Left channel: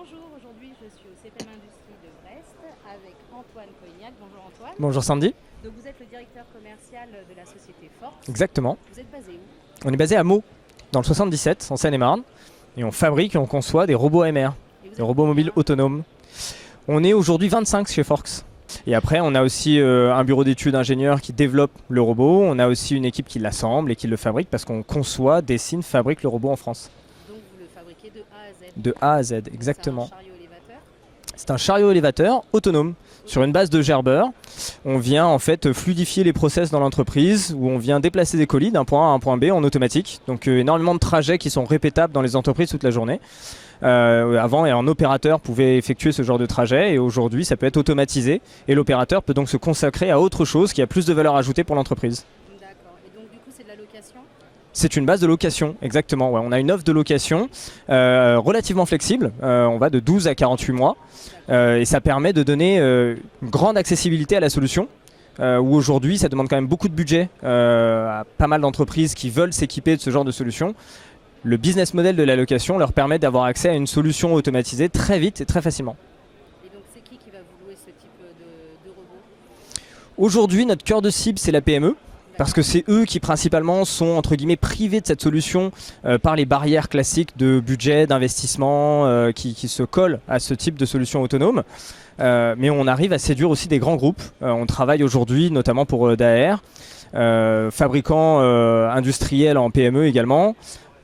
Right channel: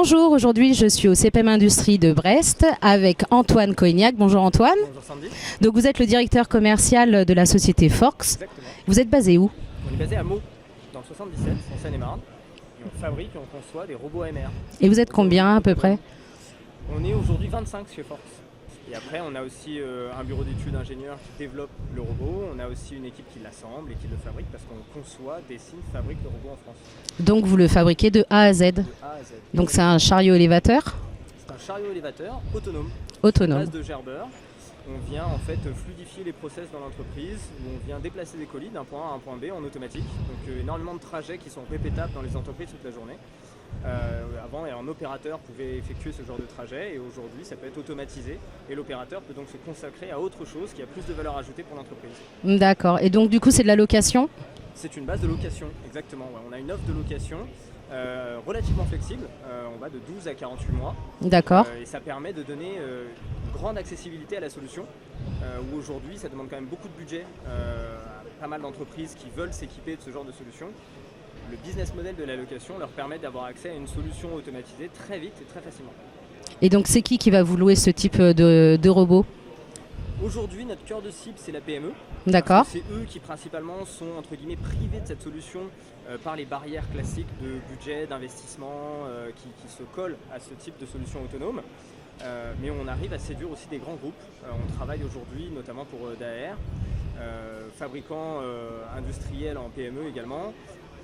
Bonjour, aujourd'hui je suis au CPM Industrie de Brest avec Antoine Coignac. Bonjour Antoine. Bonjour Sandy. Donc vous êtes le directeur commercial de la société Forx. Exactement. Vous êtes basé où? On est basé à Meaux, dans le 77, en Seine-et-Marne. Et on fabrique et on conçoit des robots AMR. Et vous êtes combien à peu près? On est aujourd'hui 25 chez Forx. Et après, on a aussi un bureau d'études ingénieurs qui développe le robot. On a aussi une équipe qui l'assemble et qui le fabrique parce qu'on conçoit, dessine, fabrique le robot en France. Donc vous le fabriquez de A à Z? De A à Z, exactement. Donc c'est un chariot élévateur? C'est un chariot élévateur autonome. Sur une base de Gerber. On vient en fait fluidifier les process dans l'entreprise où on vient déplacer des colis d'un point A à un point B en automatique. Donc énormément de trajets qui sont répétables dans les entreprises toute la journée. Avant, un opérateur pouvait effectuer ce genre de trajet et aujourd'hui ça peut être automatisé et l'opérateur peut donc se consacrer à autre chose qui a plus de valeur ajoutée pour l'entreprise. D'accord. Et donc du coup c'est de la location? C'est une base de location, exactement. Ouais, on a une offre de location relativement flexible. On va de 12 à 48 mois. D'accord. Et ça permet de donner une grande accessibilité à la solution. Où aujourd'hui, ça demande quand même beaucoup de budget à pas mal d'entreprises qui veulent s'équiper de ce genre de solution. Le business model de la location leur permet d'avoir accès à une solution automatisée très vite et très facilement. Et donc c'est qui va vous louer ce type de robot? Aujourd'hui, notre cœur de cible, c'est la PME. Parce que c'est eux qui principalement sont entre guillemets privés de cette solution par les barrières classiques de budget, d'investissement qui se collent à ce type de solution autonome. Mais on arrive à séduire aussi des grands groupes. On travaille aujourd'hui notamment pour Daher, fabricants industriels en PME également.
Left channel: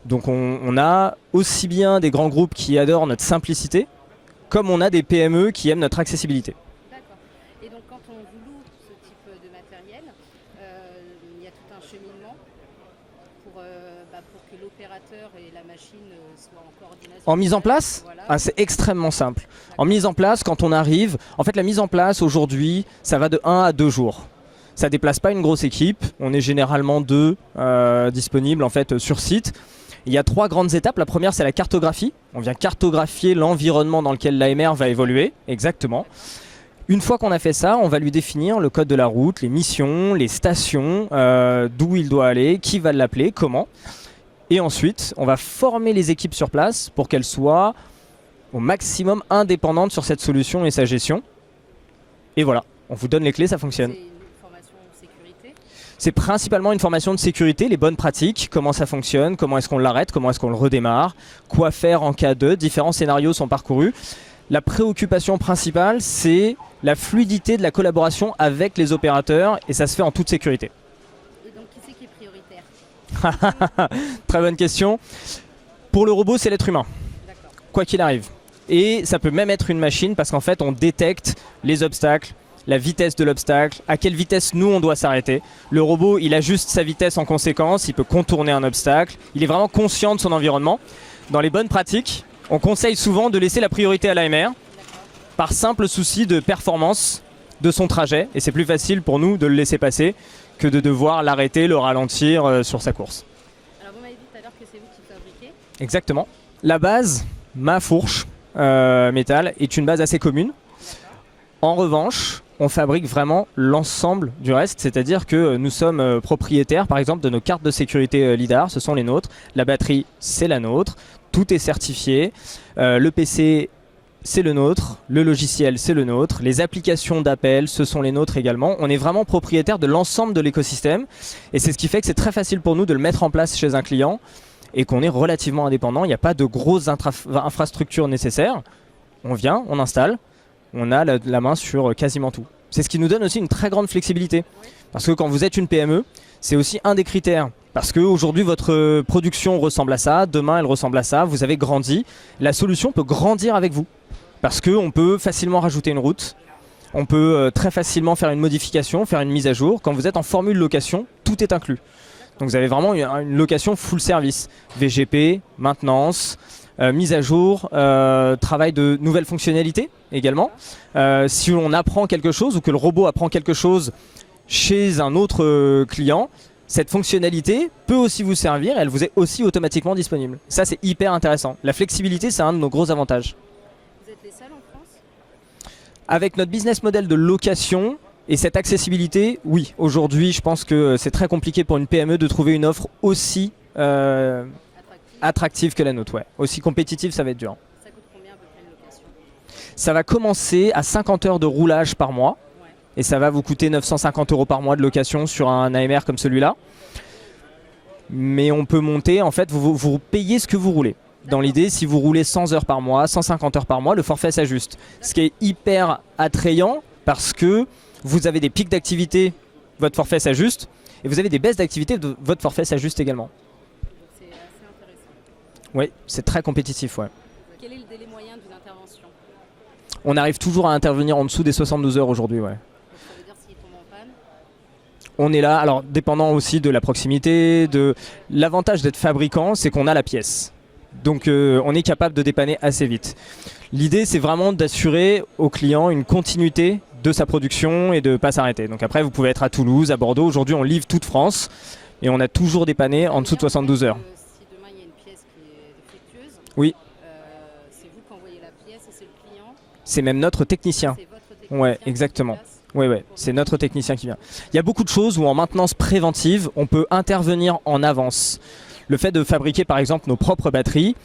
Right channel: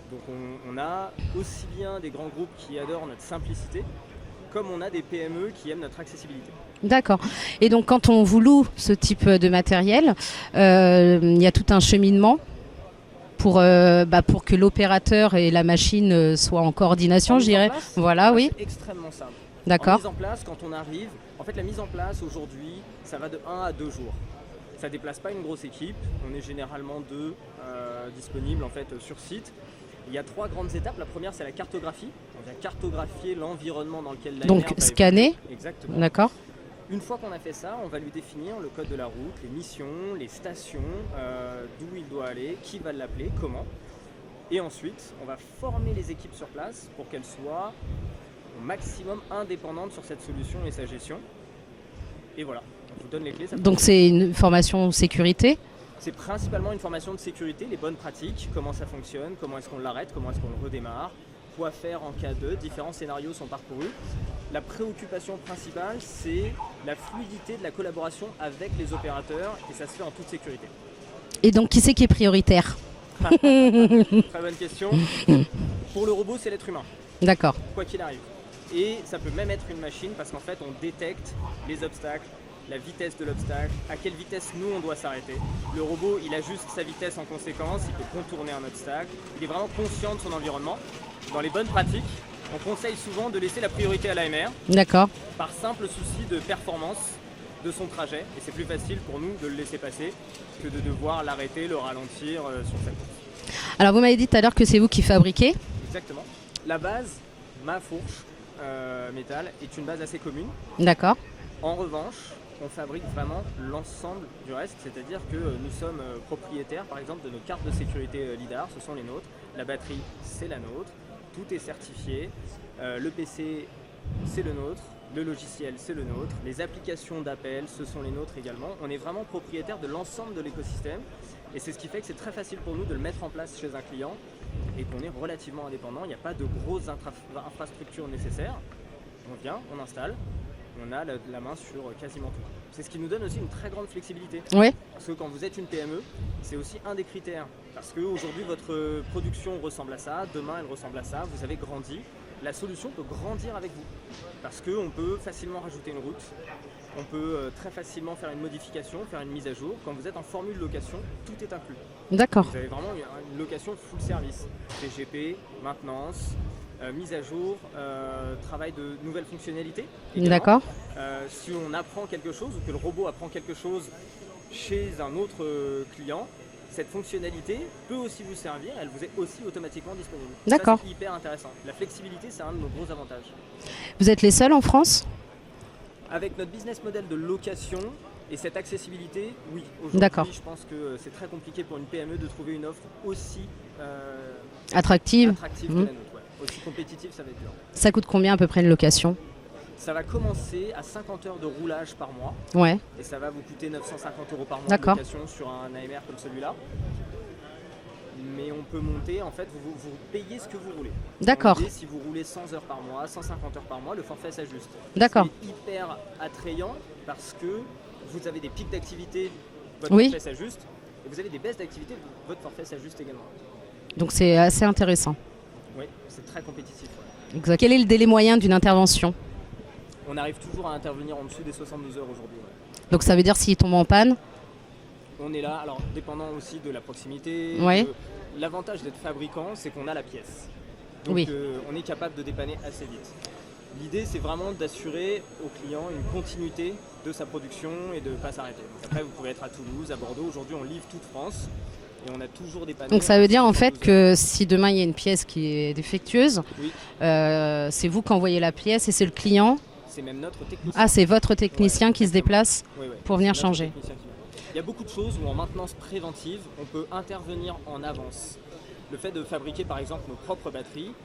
Donc on a aussi bien des grands groupes qui adorent notre simplicité, comme on a des PME qui aiment notre accessibilité. D'accord. Et donc quand on vous loue ce type de matériel, il y a tout un cheminement pour que l'opérateur et la machine soient en coordination. En mise en place, voilà, oui. C'est extrêmement simple. En mise en place, quand on arrive, en fait la mise en place aujourd'hui, ça va de 1 à 2 jours. Ça ne déplace pas une grosse équipe, on est généralement 2 disponibles en fait, sur site. Il y a 3 grandes étapes. La première, c'est la cartographie. On vient cartographier l'environnement dans lequel l'AMR va évoluer. Exactement. D'accord. Une fois qu'on a fait ça, on va lui définir le code de la route, les missions, les stations, d'où il doit aller, qui va l'appeler, comment. Et ensuite, on va former les équipes sur place pour qu'elles soient au maximum indépendantes sur cette solution et sa gestion. Et voilà, on vous donne les clés, ça fonctionne. Donc c'est une formation sécurité? C'est principalement une formation de sécurité, les bonnes pratiques, comment ça fonctionne, comment est-ce qu'on l'arrête, comment est-ce qu'on le redémarre, quoi faire en cas de, différents scénarios sont parcourus. La préoccupation principale, c'est la fluidité de la collaboration avec les opérateurs et ça se fait en toute sécurité. Et donc qui c'est qui est prioritaire? Très bonne question. Pour le robot, c'est l'être humain. D'accord. Quoi qu'il arrive. Et ça peut même être une machine parce qu'en fait, on détecte les obstacles, la vitesse de l'obstacle, à quelle vitesse nous on doit s'arrêter. Le robot, il ajuste sa vitesse en conséquence, il peut contourner un obstacle, il est vraiment conscient de son environnement. Dans les bonnes pratiques, on conseille souvent de laisser la priorité à l'AMR. D'accord. Par simple souci de performance de son trajet. Et c'est plus facile pour nous de le laisser passer que de devoir l'arrêter, le ralentir sur sa course. Alors vous m'avez dit tout à l'heure que c'est vous qui fabriquez. Exactement. La base, ma fourche métal, est une base assez commune. D'accord. En revanche, on fabrique vraiment l'ensemble du reste, c'est-à-dire que nous sommes propriétaires par exemple de nos cartes de sécurité LIDAR, ce sont les nôtres, la batterie c'est la nôtre, tout est certifié, le PC c'est le nôtre, le logiciel c'est le nôtre, les applications d'appel ce sont les nôtres également, on est vraiment propriétaire de l'ensemble de l'écosystème et c'est ce qui fait que c'est très facile pour nous de le mettre en place chez un client et qu'on est relativement indépendant, il n'y a pas de grosses infrastructures nécessaires, on vient, on installe, on a la main sur quasiment tout. C'est ce qui nous donne aussi une très grande flexibilité. Oui. Parce que quand vous êtes une PME, c'est aussi un des critères. Parce qu'aujourd'hui, votre production ressemble à ça, demain elle ressemble à ça, vous avez grandi. La solution peut grandir avec vous. Parce qu'on peut facilement rajouter une route, on peut très facilement faire une modification, faire une mise à jour. Quand vous êtes en formule location, tout est inclus. D'accord. Donc vous avez vraiment une location full service. VGP, maintenance, mise à jour, travail de nouvelles fonctionnalités également. Si on apprend quelque chose ou que le robot apprend quelque chose chez un autre client, cette fonctionnalité peut aussi vous servir et elle vous est aussi automatiquement disponible. Ça c'est hyper intéressant. La flexibilité c'est un de nos gros avantages. Vous êtes les seuls en France? Avec notre business model de location et cette accessibilité, oui. Aujourd'hui je pense que c'est très compliqué pour une PME de trouver une offre aussi attractive. que la nôtre. Ouais. Aussi compétitive, ça va être dur. Ça coûte combien à peu près une location? Ça va commencer à 50 heures de roulage par mois. Ouais. Et ça va vous coûter 950 € par mois de location sur un AMR comme celui-là. Mais on peut monter, en fait, vous payez ce que vous roulez. Dans l'idée, si vous roulez 100 heures par mois, 150 heures par mois, le forfait s'ajuste. Ce qui est hyper attrayant parce que vous avez des pics d'activité, votre forfait s'ajuste. Et vous avez des baisses d'activité, votre forfait s'ajuste également. Donc c'est assez intéressant. Oui, c'est très compétitif. Ouais. Exact. Quel est le délai moyen d'une intervention? On arrive toujours à intervenir en dessous des 72 heures aujourd'hui. Ouais. Donc ça veut dire s'il tombe en panne? On est là, alors dépendant aussi de la proximité. L'avantage d'être fabricant, c'est qu'on a la pièce. Donc on est capable de dépanner assez vite. L'idée, c'est vraiment d'assurer au client une continuité de sa production et de ne pas s'arrêter. Donc après, vous pouvez être à Toulouse, à Bordeaux. Aujourd'hui, on livre toute France et on a toujours dépanné en dessous de 72 heures. Ça veut dire en fait que si demain il y a une pièce qui est défectueuse, c'est vous qui envoyez la pièce et c'est le client? C'est même notre technicien. Ah, c'est votre technicien qui se déplace pour venir changer. C'est notre technicien qui vient. Il y a beaucoup de choses où en maintenance préventive, on peut intervenir en avance. Le fait de fabriquer par exemple nos propres batteries,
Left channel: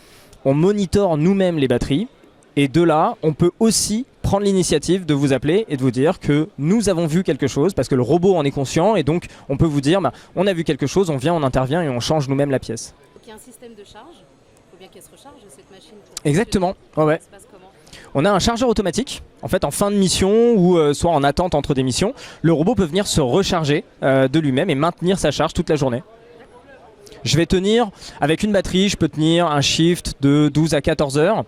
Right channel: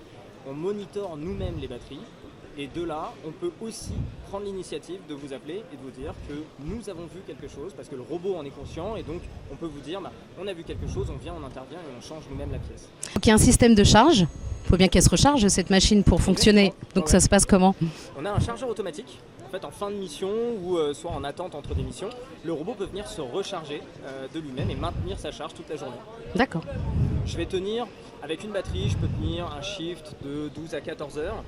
on monitore nous-mêmes les batteries. Et de là, on peut aussi prendre l'initiative de vous appeler et de vous dire que nous avons vu quelque chose, parce que le robot en est conscient, et donc on peut vous dire, on a vu quelque chose, on vient, on intervient et on change nous-mêmes la pièce. Donc il y a un système de charge, il faut bien qu'elle se recharge cette machine pour fonctionner. Exactement. Donc ça se passe comment? On a un chargeur automatique, en fait en fin de mission ou soit en attente entre des missions, le robot peut venir se recharger de lui-même et maintenir sa charge toute la journée. D'accord. Je vais tenir, avec une batterie, je peux tenir un shift de 12 à 14 heures.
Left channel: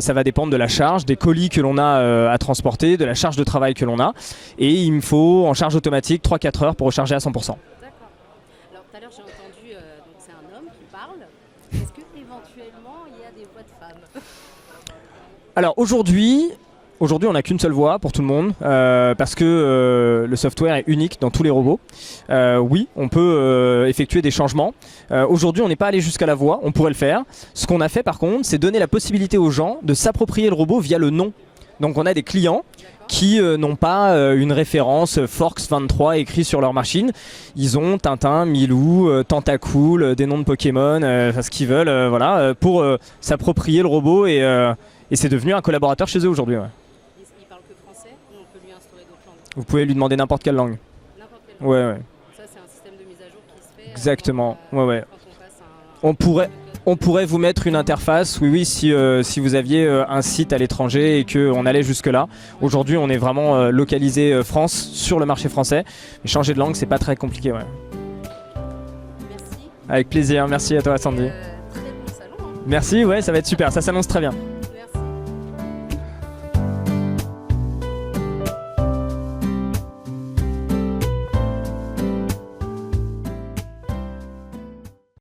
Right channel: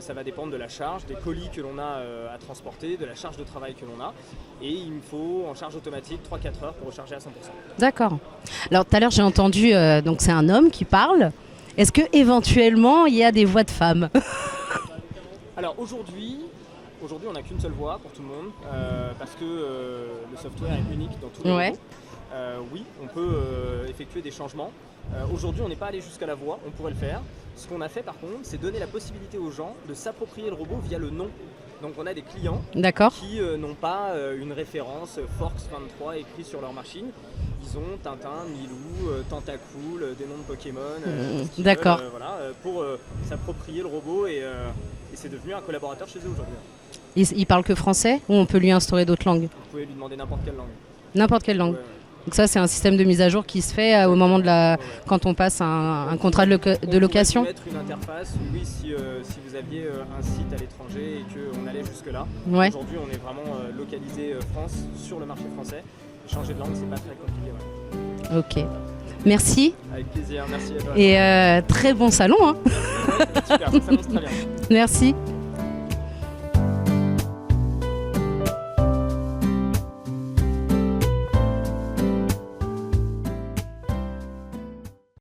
Ça va dépendre de la charge, des colis que l'on a à transporter, de la charge de travail que l'on a. Et il me faut en charge automatique 3-4 heures pour recharger à 100%. D'accord. Alors tout à l'heure j'ai entendu, donc c'est un homme qui parle. Est-ce que éventuellement il y a des voix de femmes? Alors aujourd'hui on n'a qu'une seule voix pour tout le monde parce que le software est unique dans tous les robots. Oui, on peut effectuer des changements. Aujourd'hui, on n'est pas allé jusqu'à la voix, on pourrait le faire. Ce qu'on a fait par contre, c'est donner la possibilité aux gens de s'approprier le robot via le nom. Donc on a des clients qui n'ont pas une référence Forx 23 écrit sur leur machine. Ils ont Tintin, Milou, Tentacool, des noms de Pokémon, ce qu'ils veulent, pour s'approprier le robot et c'est devenu un collaborateur chez eux aujourd'hui. Il parle que français ou on peut lui instaurer d'autres langues? Vous pouvez lui demander n'importe quelle langue. N'importe quelle langue. Donc ça c'est un système de mise à jour qui se fait au moment de quand on passe un contrat de location. On pourrait vous mettre une interface, si vous aviez un site à l'étranger et qu'on allait jusque là. Aujourd'hui on est vraiment localisé France sur le marché français. Mais changer de langue c'est pas très compliqué. Ok. Merci. Avec plaisir, merci à toi. Et très bon salon. Merci, ça va être super, ça s'annonce très bien. Merci.